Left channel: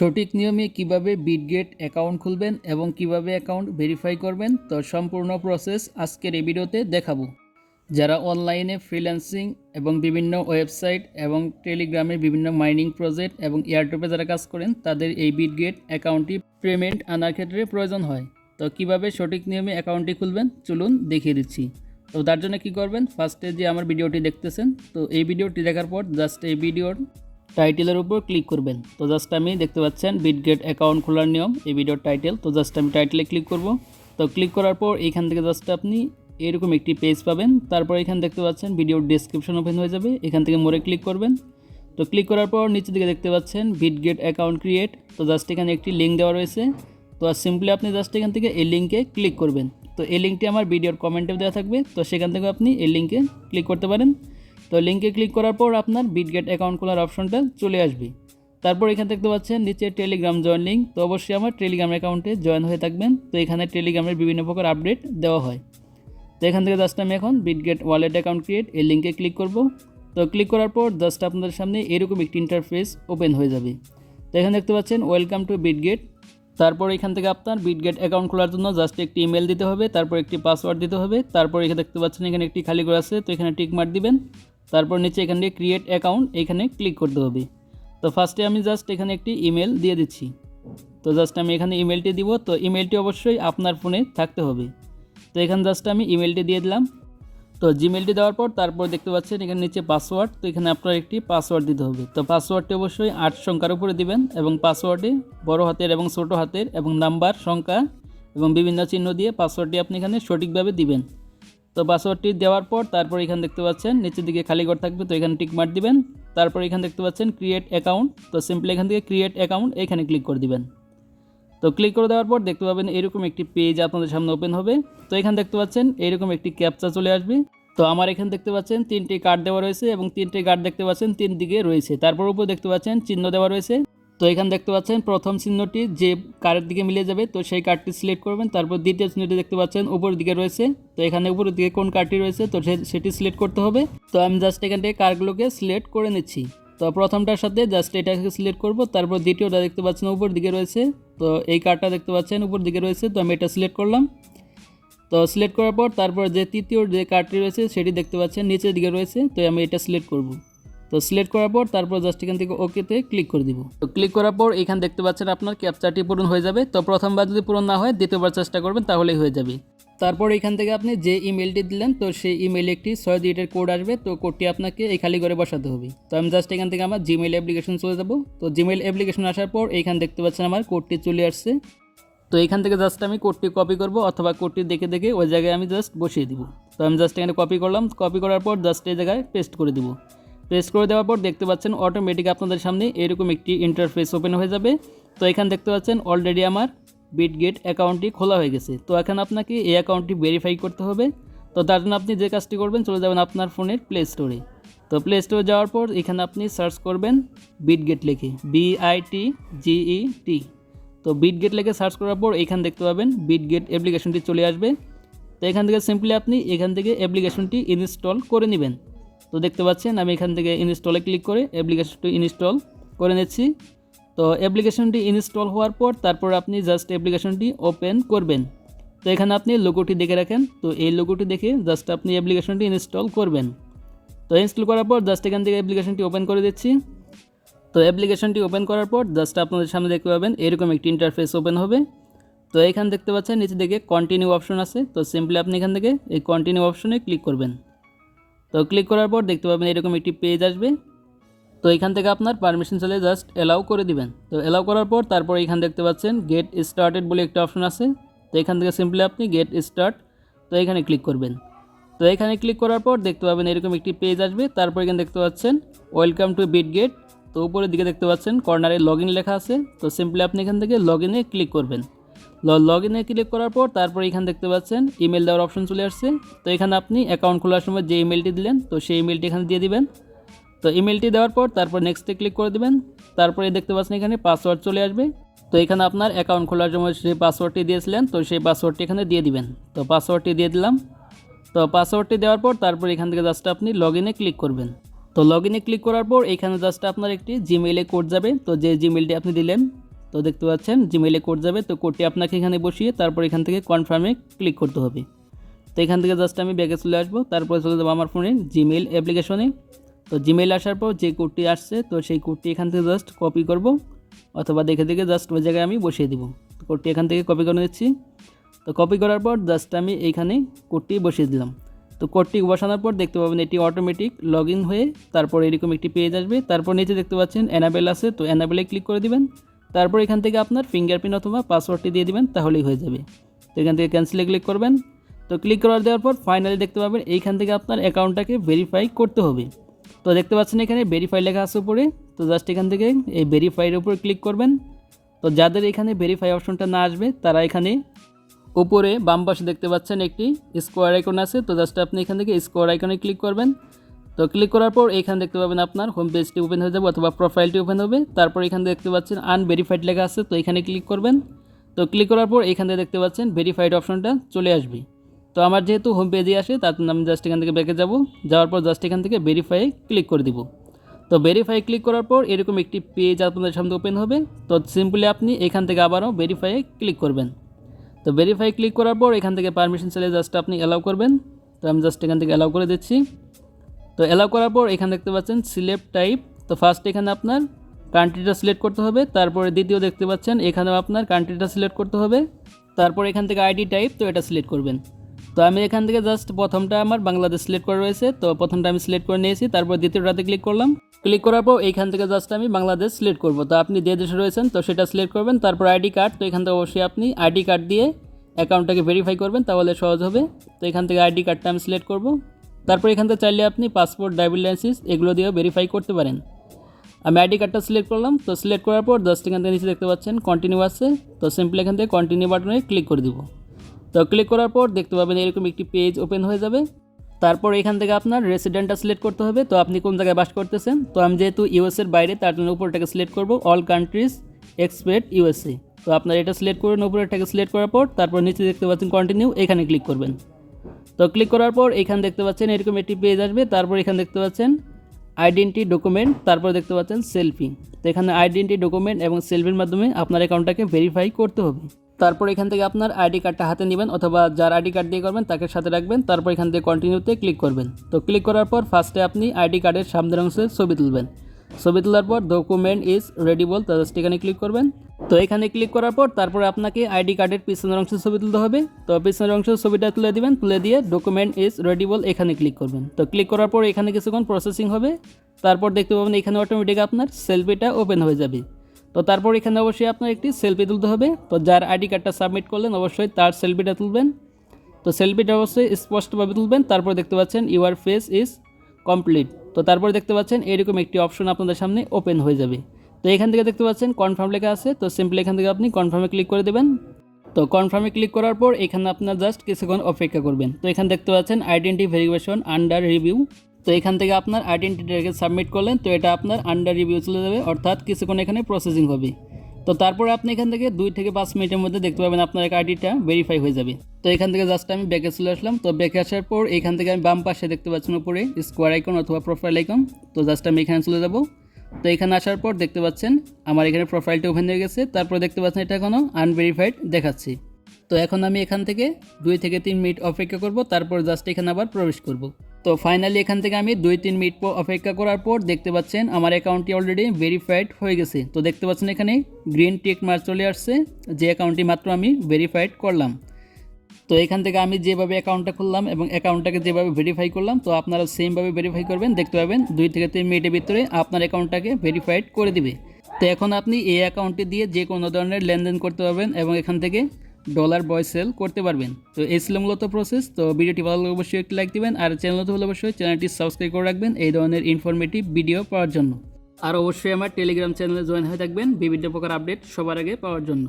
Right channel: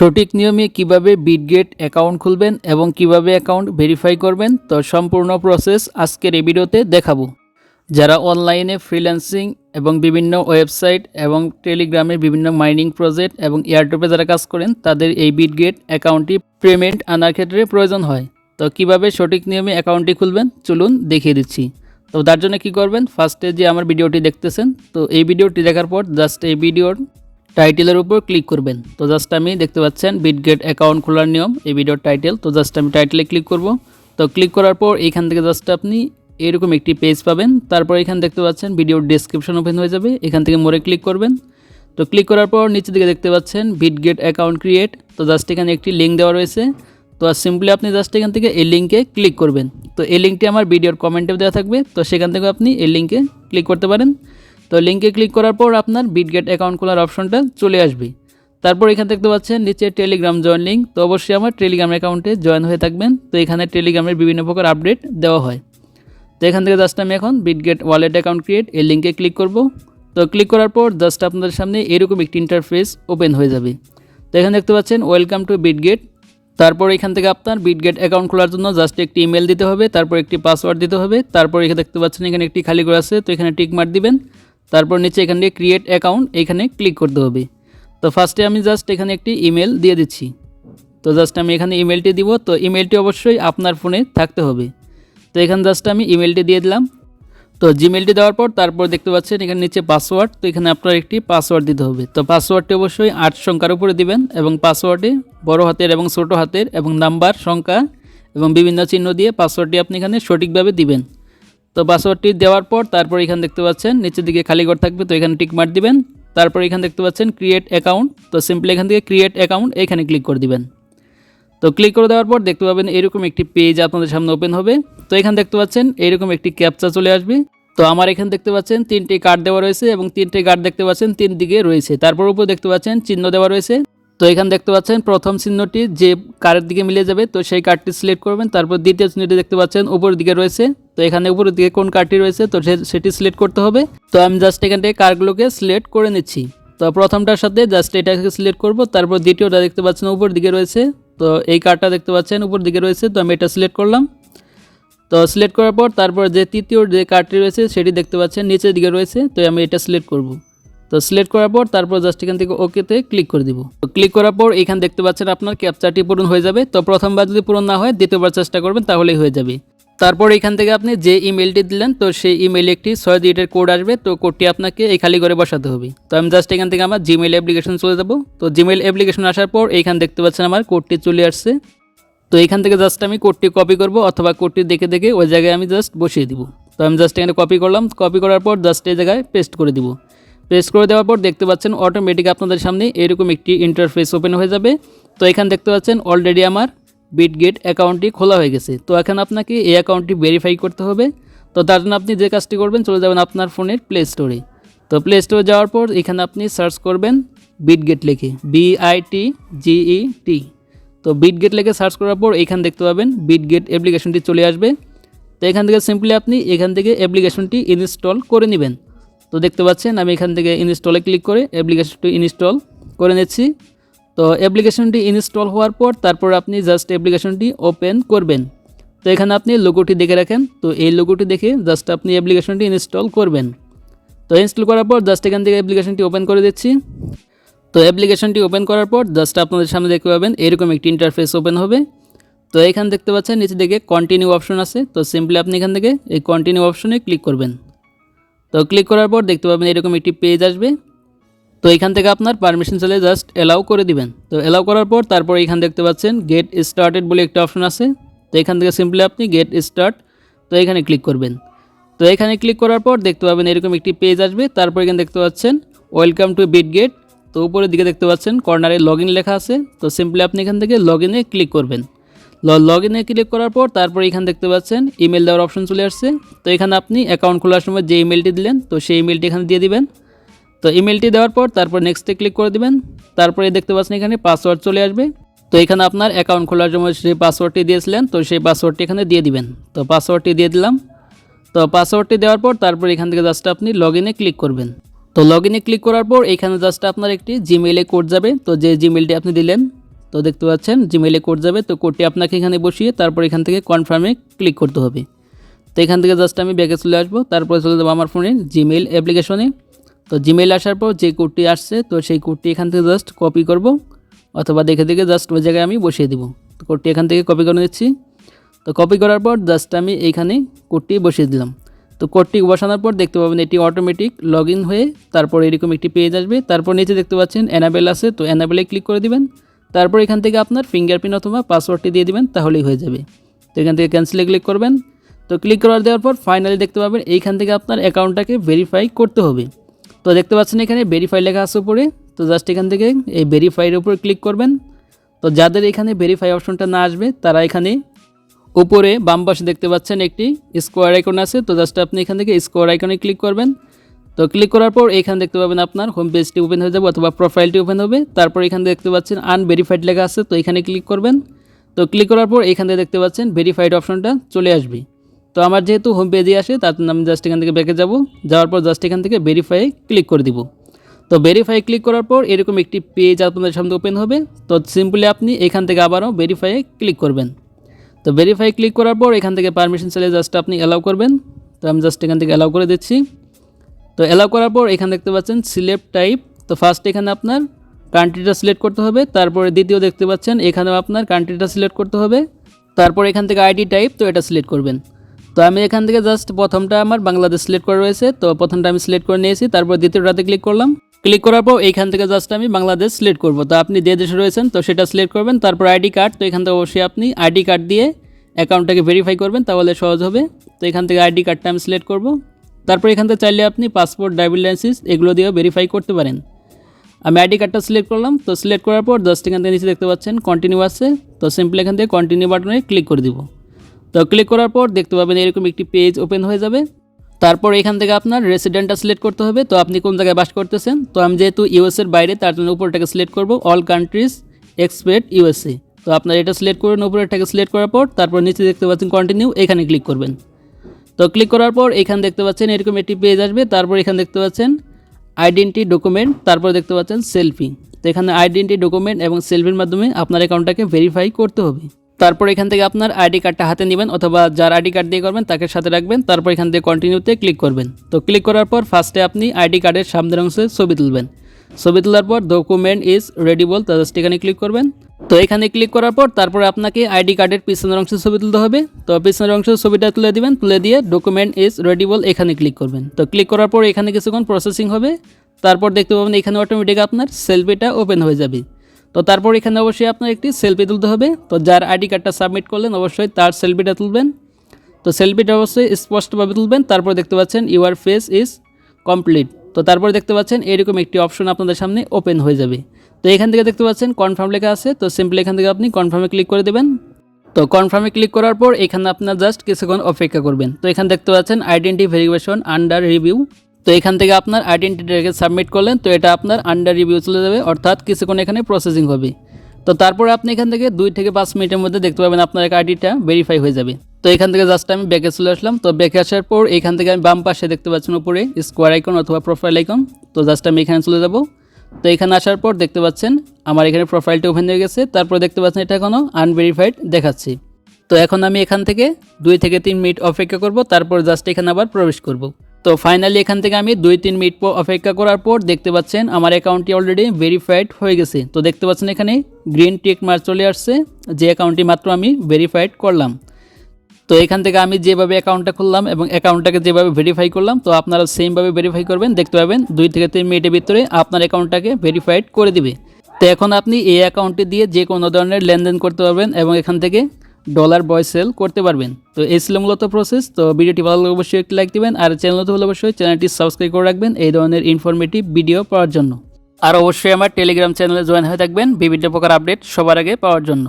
সঠিক নিয়মে কীভাবে বিটগেট অ্যাকাউন্ট খুলবেন এবং কীভাবে অ্যাকাউন্ট ভেরিফাই করবেন, তো সম্পূর্ণ প্রসেস আজকের এই ভিডিওতে দেখাবো। যারা অনলাইনে ফ্রিল্যান্সিং এবং বিভিন্ন ওয়েবসাইট এবং টেলিগ্রামে বিভিন্ন মাইনিং প্রজেক্ট এবং এয়ারটেপে যারা কাজ করেন, তাদের এই বিটগেট অ্যাকাউন্টটি পেমেন্ট আনার ক্ষেত্রে প্রয়োজন হয়। তো কীভাবে সঠিক নিয়মে অ্যাকাউন্টটি খুলবেন, চলুন দেখিয়ে দিচ্ছি। তো তার জন্য কী করবেন ফার্স্টে যে আমার ভিডিওটি দেখতেছেন, তো এই ভিডিওটি দেখার পর জাস্ট এই ভিডিওর টাইটেলের উপর ক্লিক করবেন। তো জাস্ট আমি দেখতে পাচ্ছেন বিটগেট অ্যাকাউন্ট খোলার নিয়ম। এই ভিডিওর টাইটেল তো জাস্ট আমি টাইটেলে ক্লিক করব। তো ক্লিক করার পর এখান থেকে জাস্ট আপনি এরকম একটি পেজ পাবেন। তারপর এখানে দেখতে পাচ্ছেন ভিডিওর ডেসক্রিপশন ওপেন হয়ে যাবে। এখান থেকে মোড়ে ক্লিক করবেন। তো ক্লিক করার পর নিচের দিকে দেখতে পাচ্ছেন বিটগেট অ্যাকাউন্ট ক্রিয়েট তো জাস্ট এখানে একটি লিঙ্ক দেওয়া রয়েছে। তো সিম্পলি আপনি জাস্ট এখান থেকে এই লিঙ্কে ক্লিক করবেন। তো এই লিঙ্কটি আমার ভিডিওর কমেন্টে দেওয়া থাকবে। তো সেখান থেকে আপনি এই লিঙ্কে ক্লিক করতে পারেন। তো লিঙ্কে ক্লিক করার পর আপনার বিটগেট অ্যাকাউন্ট খোলার অপশনটা চলে আসবে। তারপর এখানে দেখতে পাচ্ছেন, নিচে টেলিগ্রাম জয়েন লিঙ্ক তো অবশ্যই আমার টেলিগ্রাম অ্যাকাউন্টে জয়েন হয়ে থাকবেন। তো এখানে টেলিগ্রামের বিভিন্ন প্রকার আপডেট দেওয়া হয়। তো এখান থেকে জাস্ট আমি এখন বিটগেট ওয়ালেট অ্যাকাউন্ট ক্রিয়েট এই লিঙ্কে ক্লিক করব। তো ক্লিক করার পর জাস্ট আপনাদের সামনে এরকম একটি ইন্টারফেস ওপেন হয়ে যাবে। তো এখানে দেখতে পাচ্ছেন ওয়েলকাম টু বিটগেট তারপর এখান থেকে আপনার বিটগেট অ্যাকাউন্ট খোলার জন্য জাস্ট একটি ইমেল দিতে হবে, তারপর একটি পাসওয়ার্ড দিতে হবে। তারপর এখানে দেখতে পাচ্ছেন, এখানে একটি খালি করে আছে, তো এখানে টিক মার দিবেন। তারপর নিচে এখান থেকে ক্রিয়েট অ্যাকাউন্ট এখানে ক্লিক করতে হবে। তো ফার্স্টে আমি জাস্ট এখানে একটি ইমেল দিয়ে দিচ্ছি। তো জাস্ট আমি এখানে ইমেলটি দিব, তো ইমেলটি অবশ্যই আপনার ফোনে থাকতে হবে। তো এখানে জাস্ট আমি ইমেলটি দিয়ে দিলাম। তো জিমেলটি দেওয়ার পর তারপর দেখতে পাচ্ছেন এখানে নিচে পাসওয়ার্ড তো এখানে আপনার একটি পাসওয়ার্ড দিতে হবে। তো পাসওয়ার্ডটি অবশ্যই আট সংখ্যার উপরে দিবেন এবং পাসওয়ার্ডে বড় হাতের এবং ছোট হাতের এবং নাম্বার সংখ্যা এবং বিভিন্ন চিহ্ন দিয়ে পাসওয়ার্ডটি আপনি এখানে সঠিকভাবে দিবেন। তো পাসওয়ার্ডটি দেওয়ার পর তারপর এখানে দেখতে পাচ্ছেন, নিচের দিকে খালি ঘর থাকবে, তো এখানে টিক মার দিবেন। তারপর এখানে দেখতে পাচ্ছেন ক্রিয়েট অ্যাকাউন্ট তো সিম্পলি এখান থেকে ক্রিয়েট অ্যাকাউন্ট এখানে ক্লিক করে দিবেন। তো ক্লিক করে দেওয়ার পর দেখতে পাবেন এরকম একটি পেজ আপনাদের সামনে ওপেন হবে। তো এখানে দেখতে পাচ্ছেন, এরকম একটি ক্যাপচা চলে আসবে। তো আমার এখানে দেখতে পাচ্ছেন, তিনটি কার্ড দেওয়া রয়েছে এবং তিনটি কার্ড দেখতে পাচ্ছেন, তিন দিকে রয়েছে। তারপর উপর দেখতে পাচ্ছেন, চিহ্ন দেওয়া রয়েছে। তো এখানে দেখতে পাচ্ছেন প্রথম চিহ্নটি যে কারের দিকে মিলে যাবে, তো সেই কার্ডটি সিলেক্ট করবেন। তারপর দ্বিতীয় চিহ্নটি দেখতে পাচ্ছেন উপরের দিকে রয়েছে, তো এখানে উপরের দিকে কোন কার্ডটি রয়েছে, তো সেটি সিলেক্ট করতে হবে। তো আমি জাস্ট এখান থেকে কার্ডগুলোকে সিলেক্ট করে নিচ্ছি। তো প্রথমটার সাথে জাস্ট এটাকে সিলেক্ট করব, তারপর দ্বিতীয়টা দেখতে পাচ্ছেন উপর দিকে রয়েছে, তো এই কার্ডটা দেখতে পাচ্ছেন উপর দিকে রয়েছে, তো আমি এটা সিলেক্ট করলাম। তো সিলেক্ট করার পর তারপর যে তৃতীয় যে কার্ডটি রয়েছে, সেটি দেখতে পাচ্ছেন নিচের দিকে রয়েছে, তো আমি এটা সিলেক্ট করব। তো সিলেক্ট করার পর তারপর জাস্ট এখান থেকে ওকেতে ক্লিক করে দিব। তো ক্লিক করার পর এখানে দেখতে পাচ্ছেন আপনার ক্যাপচারটি পূরণ হয়ে যাবে। তো প্রথমবার যদি পূরণ না হয়, দ্বিতীয়বার চেষ্টা করবেন, তাহলেই হয়ে যাবে। তারপর এখান থেকে আপনি যে ইমেলটি দিলেন, তো সেই ইমেলে একটি ছয় ডিজিটের কোড আসবে। তো কোডটি আপনাকে এই খালি করে বসাতে হবে। তো আমি জাস্ট এখান থেকে আমার জিমেল অ্যাপ্লিকেশন চলে যাব। তো জিমেল অ্যাপ্লিকেশন আসার পর এইখানে দেখতে পাচ্ছেন আমার কোডটি চলে আসছে। তো এখান থেকে জাস্ট আমি কোডটি কপি করব অথবা কোডটি দেখে দেখে ওই জায়গায় আমি জাস্ট বসিয়ে দিব। তো আমি জাস্ট এখানে কপি করলাম। কপি করার পর জাস্ট এই জায়গায় পেস্ট করে দিব। পেস্ট করে দেওয়ার পর দেখতে পাচ্ছেন অটোমেটিক আপনাদের সামনে এরকম একটি ইন্টারফেস ওপেন হয়ে যাবে। তো এখানে দেখতে পাচ্ছেন অলরেডি আমার বিটগেট অ্যাকাউন্টটি খোলা হয়ে গেছে। তো এখন আপনাকে এই অ্যাকাউন্টটি ভেরিফাই করতে হবে। তো তার জন্য আপনি যে কাজটি করবেন, চলে যাবেন আপনার ফোনের প্লে স্টোরে তো প্লে স্টোরে যাওয়ার পর এখানে আপনি সার্চ করবেন বিটগেট লিখে বিআইটি জিই টি তো বিটগেট লিখে সার্চ করার পর এখানে দেখতে পাবেন বিটগেট অ্যাপ্লিকেশনটি চলে আসবে। তো এখান থেকে সিম্পলি আপনি এখান থেকে অ্যাপ্লিকেশনটি ইনস্টল করে নেবেন। তো দেখতে পাচ্ছেন, আমি এখান থেকে ইনস্টলে ক্লিক করে অ্যাপ্লিকেশনটি ইনস্টল করে নিচ্ছি। তো অ্যাপ্লিকেশনটি ইনস্টল হওয়ার পর তারপর আপনি জাস্ট অ্যাপ্লিকেশনটি ওপেন করবেন। তো এখানে আপনি লোগোটি দেখে রাখেন। তো এই লোগোটি দেখে জাস্ট আপনি অ্যাপ্লিকেশনটি ইনস্টল করবেন। তো ইনস্টল করার পর জাস্ট এখান থেকে অ্যাপ্লিকেশনটি ওপেন করে দিচ্ছি। তো অ্যাপ্লিকেশনটি ওপেন করার পর জাস্ট আপনাদের সামনে দেখতে পাবেন, এরকম একটি ইন্টারফেস ওপেন হবে। তো এখানে দেখতে পাচ্ছেন, নিচে দিকে কন্টিনিউ অপশন আছে। তো সিম্পলি আপনি এখান থেকে এই কন্টিনিউ অপশনে ক্লিক করবেন। তো ক্লিক করার পর দেখতে পাবেন এরকম একটি পেজ আসবে। তো এখান থেকে আপনার পারমিশন চলে জাস্ট অ্যালাউ করে দিবেন। তো অ্যালাউ করার পর তারপর এখান দেখতে পাচ্ছেন গেট স্টার্টেড বলে একটা অপশন আছে। তো এখান থেকে সিম্পলি আপনি গেট স্টার্ট তো এখানে ক্লিক করবেন। তো এখানে ক্লিক করার পর দেখতে পাবেন এরকম একটি পেজ আসবে। তারপর এখানে দেখতে পাচ্ছেন ওয়েলকাম টু বিট গেট তো উপরের দিকে দেখতে পাচ্ছেন কর্নারে লগ লেখা আছে। তো সিম্পলি আপনি এখান থেকে লগ ক্লিক করবেন। লগ ইনে ক্লিক করার পর তারপর এখানে দেখতে পাচ্ছেন ইমেল দেওয়ার অপশন চলে আসছে। তো এখানে আপনি অ্যাকাউন্ট খোলার সময় যে ইমেলটি দিলেন, তো সেই ইমেলটি এখানে দিয়ে দিবেন। তো ইমেলটি দেওয়ার পর তারপর নেক্সটে ক্লিক করে দিবেন। তারপরে দেখতে পাচ্ছেন এখানে পাসওয়ার্ড চলে আসবে। তো এখানে আপনার অ্যাকাউন্ট খোলার সময় যে পাসওয়ার্ডটি দিয়েছিলেন, তো সেই পাসওয়ার্ডটি এখানে দিয়ে দিবেন। তো পাসওয়ার্ডটি দিয়ে দিলাম। তো পাসওয়ার্ডটি দেওয়ার পর তারপর এখান থেকে জাস্ট আপনি লগ ইনে ক্লিক করবেন। তো লগ ইনে ক্লিক করার পর এখানে জাস্ট আপনার একটি জিমেইলে কোড যাবে। তো যে জিমেলটি আপনি দিলেন তো দেখতে পাচ্ছেন জিমেইলে কোড যাবে। তো কোডটি আপনাকে এখানে বসিয়ে তারপর এখান থেকে কনফার্মে ক্লিক করতে হবে। তো এখান থেকে জাস্ট আমি ব্যাগে চলে আসব। তারপরে চলে যাব আমার ফোনে জিমেইল অ্যাপ্লিকেশনে তো জিমেইল আসার পর যে কোডটি আসছে, তো সেই কোডটি এখান থেকে জাস্ট কপি করব। অথবা দেখে দেখে জাস্ট ওই জায়গায় আমি বসিয়ে দিব। তো কোডটি এখান থেকে কপি করে নিচ্ছি। তো কপি করার পর জাস্ট আমি এইখানে কোডটি বসিয়ে দিলাম। তো কোডটি বসানোর পর দেখতে পাবেন এটি অটোমেটিক লগ হয়ে তারপর এরকম একটি পেজ আসবে। তারপর নিচে দেখতে পাচ্ছেন অ্যানাবেল আছে। তো অ্যানাবেলে ক্লিক করে দিবেন। তারপর এখান থেকে আপনার ফিঙ্গারপ্রিন্ট অথবা পাসওয়ার্ডটি দিয়ে দেবেন, তাহলেই হয়ে যাবে। তো এখান থেকে ক্যান্সেলে ক্লিক করবেন। তো ক্লিক করার দেওয়ার পর ফাইনালি দেখতে পাবেন, এইখান থেকে আপনার অ্যাকাউন্টটাকে ভেরিফাই করতে হবে। তো দেখতে পাচ্ছেন এখানে ভেরিফাই লেখা আছে উপরে। তো জাস্ট এখান থেকে এই ভেরিফাইয়ের উপর ক্লিক করবেন। তো যাদের এখানে ভেরিফাই অপশনটা না আসবে, তারা এখানে উপরে বাম পাশে দেখতে পাচ্ছেন একটি স্কোয়ার আইকন আছে। তো জাস্ট আপনি এখান থেকে স্কোয়ার আইকনে ক্লিক করবেন। তো ক্লিক করার পর এখানে দেখতে পাবেন আপনার হোম পেজটি ওপেন হয়ে যাবে অথবা প্রোফাইলটি ওপেন হবে। তারপর এখানে দেখতে পাচ্ছেন আনভেরিফাইড লেখা আছে, তো এখানে ক্লিক করবেন। তো ক্লিক করার পর এখান থেকে দেখতে পাচ্ছেন ভেরিফাইড অপশনটা চলে আসবে। তো আমার যেহেতু হোম পেজে আসে, তার জন্য আমি জাস্ট এখান থেকে ব্যাকে যাব। যাওয়ার পর জাস্ট এখান থেকে ভেরিফাই ক্লিক করে দিব। তো ভেরিফাই ক্লিক করার পর এরকম একটি পেজ আপনাদের সামনে ওপেন হবে। তো সিম্পলি আপনি এখান থেকে আবারও ভেরিফাই ক্লিক করবেন। তো ভেরিফাই ক্লিক করার পর এখান থেকে পারমিশন চাইলে জাস্ট আপনি অ্যালাউ করবেন। তো আমি জাস্ট এখান থেকে অ্যালাউ করে দিচ্ছি। তো অ্যালাউ করার পর এখানে দেখতে পাচ্ছেন সিলেক্ট টাইপ তো ফার্স্ট এখানে আপনার কান্ট্রিটা সিলেক্ট করতে হবে, তারপরে দ্বিতীয় দেখতে পাচ্ছেন এখানেও আপনার কান্ট্রিটা সিলেক্ট করতে হবে, তারপর এখান থেকে আইডি টাইপ তো এটা সিলেক্ট করবেন। তো আমি এখান থেকে জাস্ট প্রথমটা আমার বাংলাদেশ সিলেক্ট করা রয়েছে, তো প্রথমটা আমি সিলেক্ট করে নিয়েছি, তারপর দ্বিতীয়টাতে ক্লিক করলাম। ক্লিক করার পর এইখান থেকে জাস্ট আমি বাংলাদেশ সিলেক্ট করব, তো আপনি যে দেশে রয়েছেন, তো সেটা সিলেক্ট করবেন, তারপর আইডি কার্ড তো এখান থেকে অবশ্যই আপনি আইডি কার্ড দিয়ে অ্যাকাউন্টটাকে ভেরিফাই করবেন, তাহলে সহজ হবে। তো এখান থেকে আইডি কার্ডটা আমি সিলেক্ট করব। তারপর এখান থেকে চাইলে আপনি পাসপোর্ট ড্রাইভিং লাইসেন্স এগুলো দিয়েও ভেরিফাই করতে পারেন। আমি আইডি কার্ডটা সিলেক্ট করলাম, তো সিলেক্ট করার পর জাস্ট এখান থেকে নিচে দেখতে পাচ্ছেন কন্টিনিউ আছে, তো সিম্পলি এখান থেকে কন্টিনিউ বাটনে ক্লিক করে দিব। তো ক্লিক করার পর দেখতে পাবেন এরকম একটি পেজ ওপেন হয়ে যাবে। তারপর এখান থেকে আপনার রেসিডেন্টটা সিলেক্ট করতে হবে, তো আপনি কোন জায়গায় বাস করতেছেন? তো আমি যেহেতু ইউএসের বাইরে, তার জন্য উপরটাকে সিলেক্ট করব অল কান্ট্রিজ এক্সপেক্ট ইউএসএ তো আপনার এটা সিলেক্ট করবেন উপরেরটাকে সিলেক্ট করার পর, তারপর নিচে দেখতে পাচ্ছেন কন্টিনিউ এখানে ক্লিক করবেন। তো ক্লিক করার পর এখানে দেখতে পাচ্ছেন এরকম একটি পেজ আসবে। তারপর এখানে দেখতে পাচ্ছেন আইডেন্টি ডকুমেন্ট তারপর দেখতে পাচ্ছেন সেলফি তো এখানে আইডেন্টি ডকুমেন্ট এবং সেলফির মাধ্যমে আপনার অ্যাকাউন্টটাকে ভেরিফাই করতে হবে। তারপর এখান থেকে আপনার আইডি কার্ডটা হাতে নেবেন অথবা যার আইডি কার্ড দিয়ে করবেন তাকে সাথে রাখবেন। তারপর এখান থেকে কন্টিনিউতে ক্লিক করবেন। তো ক্লিক করার পর ফার্স্টে আপনি আইডি কার্ডের সামনের অংশে ছবি তুলবেন। ছবি তোলার পর ডকুমেন্ট ইজ রেডিবল তো জাস্ট এখানে ক্লিক করবেন। তো এখানে ক্লিক করার পর তারপরে আপনাকে আইডি কার্ডের পিছনের অংশে ছবি তুলতে হবে। তো পিছনের অংশের ছবিটা তুলে দিবেন, তুলে দিয়ে ডকুমেন্ট ইজ রেডিবল এখানে ক্লিক করবেন। তো ক্লিক করার পর এখানে কিছুক্ষণ প্রসেসিং হবে। তারপর দেখতে পাবেন এখানে অটোমেটিক আপনার সেলফিটা ওপেন হয়ে যাবে। তো তারপর এখানে অবশ্যই আপনার একটি সেলফি তুলতে হবে। তো যার আইডি কার্ডটা সাবমিট করলেন, অবশ্যই তার সেলফিটা তুলবেন। তো সেলফিটা অবশ্যই স্পষ্টভাবে তুলবেন। তারপর দেখতে পাচ্ছেন ইউর ফেস ইজ কমপ্লিট তো তারপরে দেখতে পাচ্ছেন এরকম একটি অপশন আপনাদের সামনে ওপেন হয়ে যাবে। তো এখান থেকে দেখতে পাচ্ছেন কনফার্ম লেখা আছে, তো সিম্পলি এখান থেকে আপনি কনফার্মে ক্লিক করে দেবেন। তো কনফার্মে ক্লিক করার পর এখানে আপনার জাস্ট কিছুক্ষণ অপেক্ষা করবেন। তো এখানে দেখতে পাচ্ছেন আইডেন্টি ভেরিফিকেশন আন্ডার রিভিউ তো এখান থেকে আপনার আইডেন্টিটাকে সাবমিট করলেন, তো এটা আপনার আন্ডার রিভিউ চলে যাবে, অর্থাৎ কিছুক্ষণ এখানে প্রসেসিং হবে। তো তারপরে আপনি এখান থেকে দুই থেকে পাঁচ মিনিটের মধ্যে দেখতে পাবেন আপনার এক আইডিটা ভেরিফাই হয়ে যাবে। তো এখান থেকে জাস্ট আমি ব্যাকে চলে আসলাম। তো ব্যাকে আসার পর এখান থেকে আমি বাম পাশে দেখতে পাচ্ছেন উপরে স্কোয়ার আইকন অথবা প্রোফাইল আইকন তো জাস্ট আমি এখানে চলে যাব। তো এখানে আসার পর দেখতে পাচ্ছেন আমার এখানে প্রোফাইলটা ওপেন হয়ে গেছে। তারপর দেখতে পাচ্ছেন এটা এখনও আনভেরিফাইড দেখাচ্ছি। তো এখন আমি এখান থেকে দুই থেকে তিন মিনিট অপেক্ষা করব। তারপর জাস্ট এখানে আবার প্রবেশ করব। তো ফাইনালি এখান থেকে আমি দুই তিন মিনিট পর অপেক্ষা করার পর দেখতে পাচ্ছেন আমার অ্যাকাউন্টটি অলরেডি ভেরিফাইড হয়ে গেছে। তো দেখতে পাচ্ছেন এখানে গ্রিন টিক মার্ক চলে আসছে, যে অ্যাকাউন্টটি মাত্র আমি ভেরিফাইড করলাম। তো এখান থেকে আমি যেভাবে অ্যাকাউন্টটা খুললাম এবং অ্যাকাউন্টটাকে যেভাবে ভেরিফাই করলাম, তো আপনারা সেমভাবে ভেরিফাই করবেন, দেখতে পাবেন দুই থেকে তিন মিনিটের ভিতরে আপনার অ্যাকাউন্টটাকে ভেরিফাইড করে দিবে। তো এখন আপনি এই অ্যাকাউন্টটি দিয়ে যে কোনো ধরনের লেনদেন করতে পারবেন এবং এখান থেকে ডলার বয় সেল করতে পারবেন। তো এই ছিল মূলত প্রসেস তো ভিডিওটি ভালো লাগলে অবশ্যই একটি লাইক দেবেন, আর চ্যানেল তো হলে অবশ্যই চ্যানেলটি সাবস্ক্রাইব করে রাখবেন এই ধরনের ইনফরমেটিভ ভিডিও পাওয়ার জন্য। আর অবশ্যই আমার টেলিগ্রাম চ্যানেলে জয়েন হয়ে থাকবেন, বিভিন্ন প্রকার আপডেট সবার আগে পাওয়ার জন্য।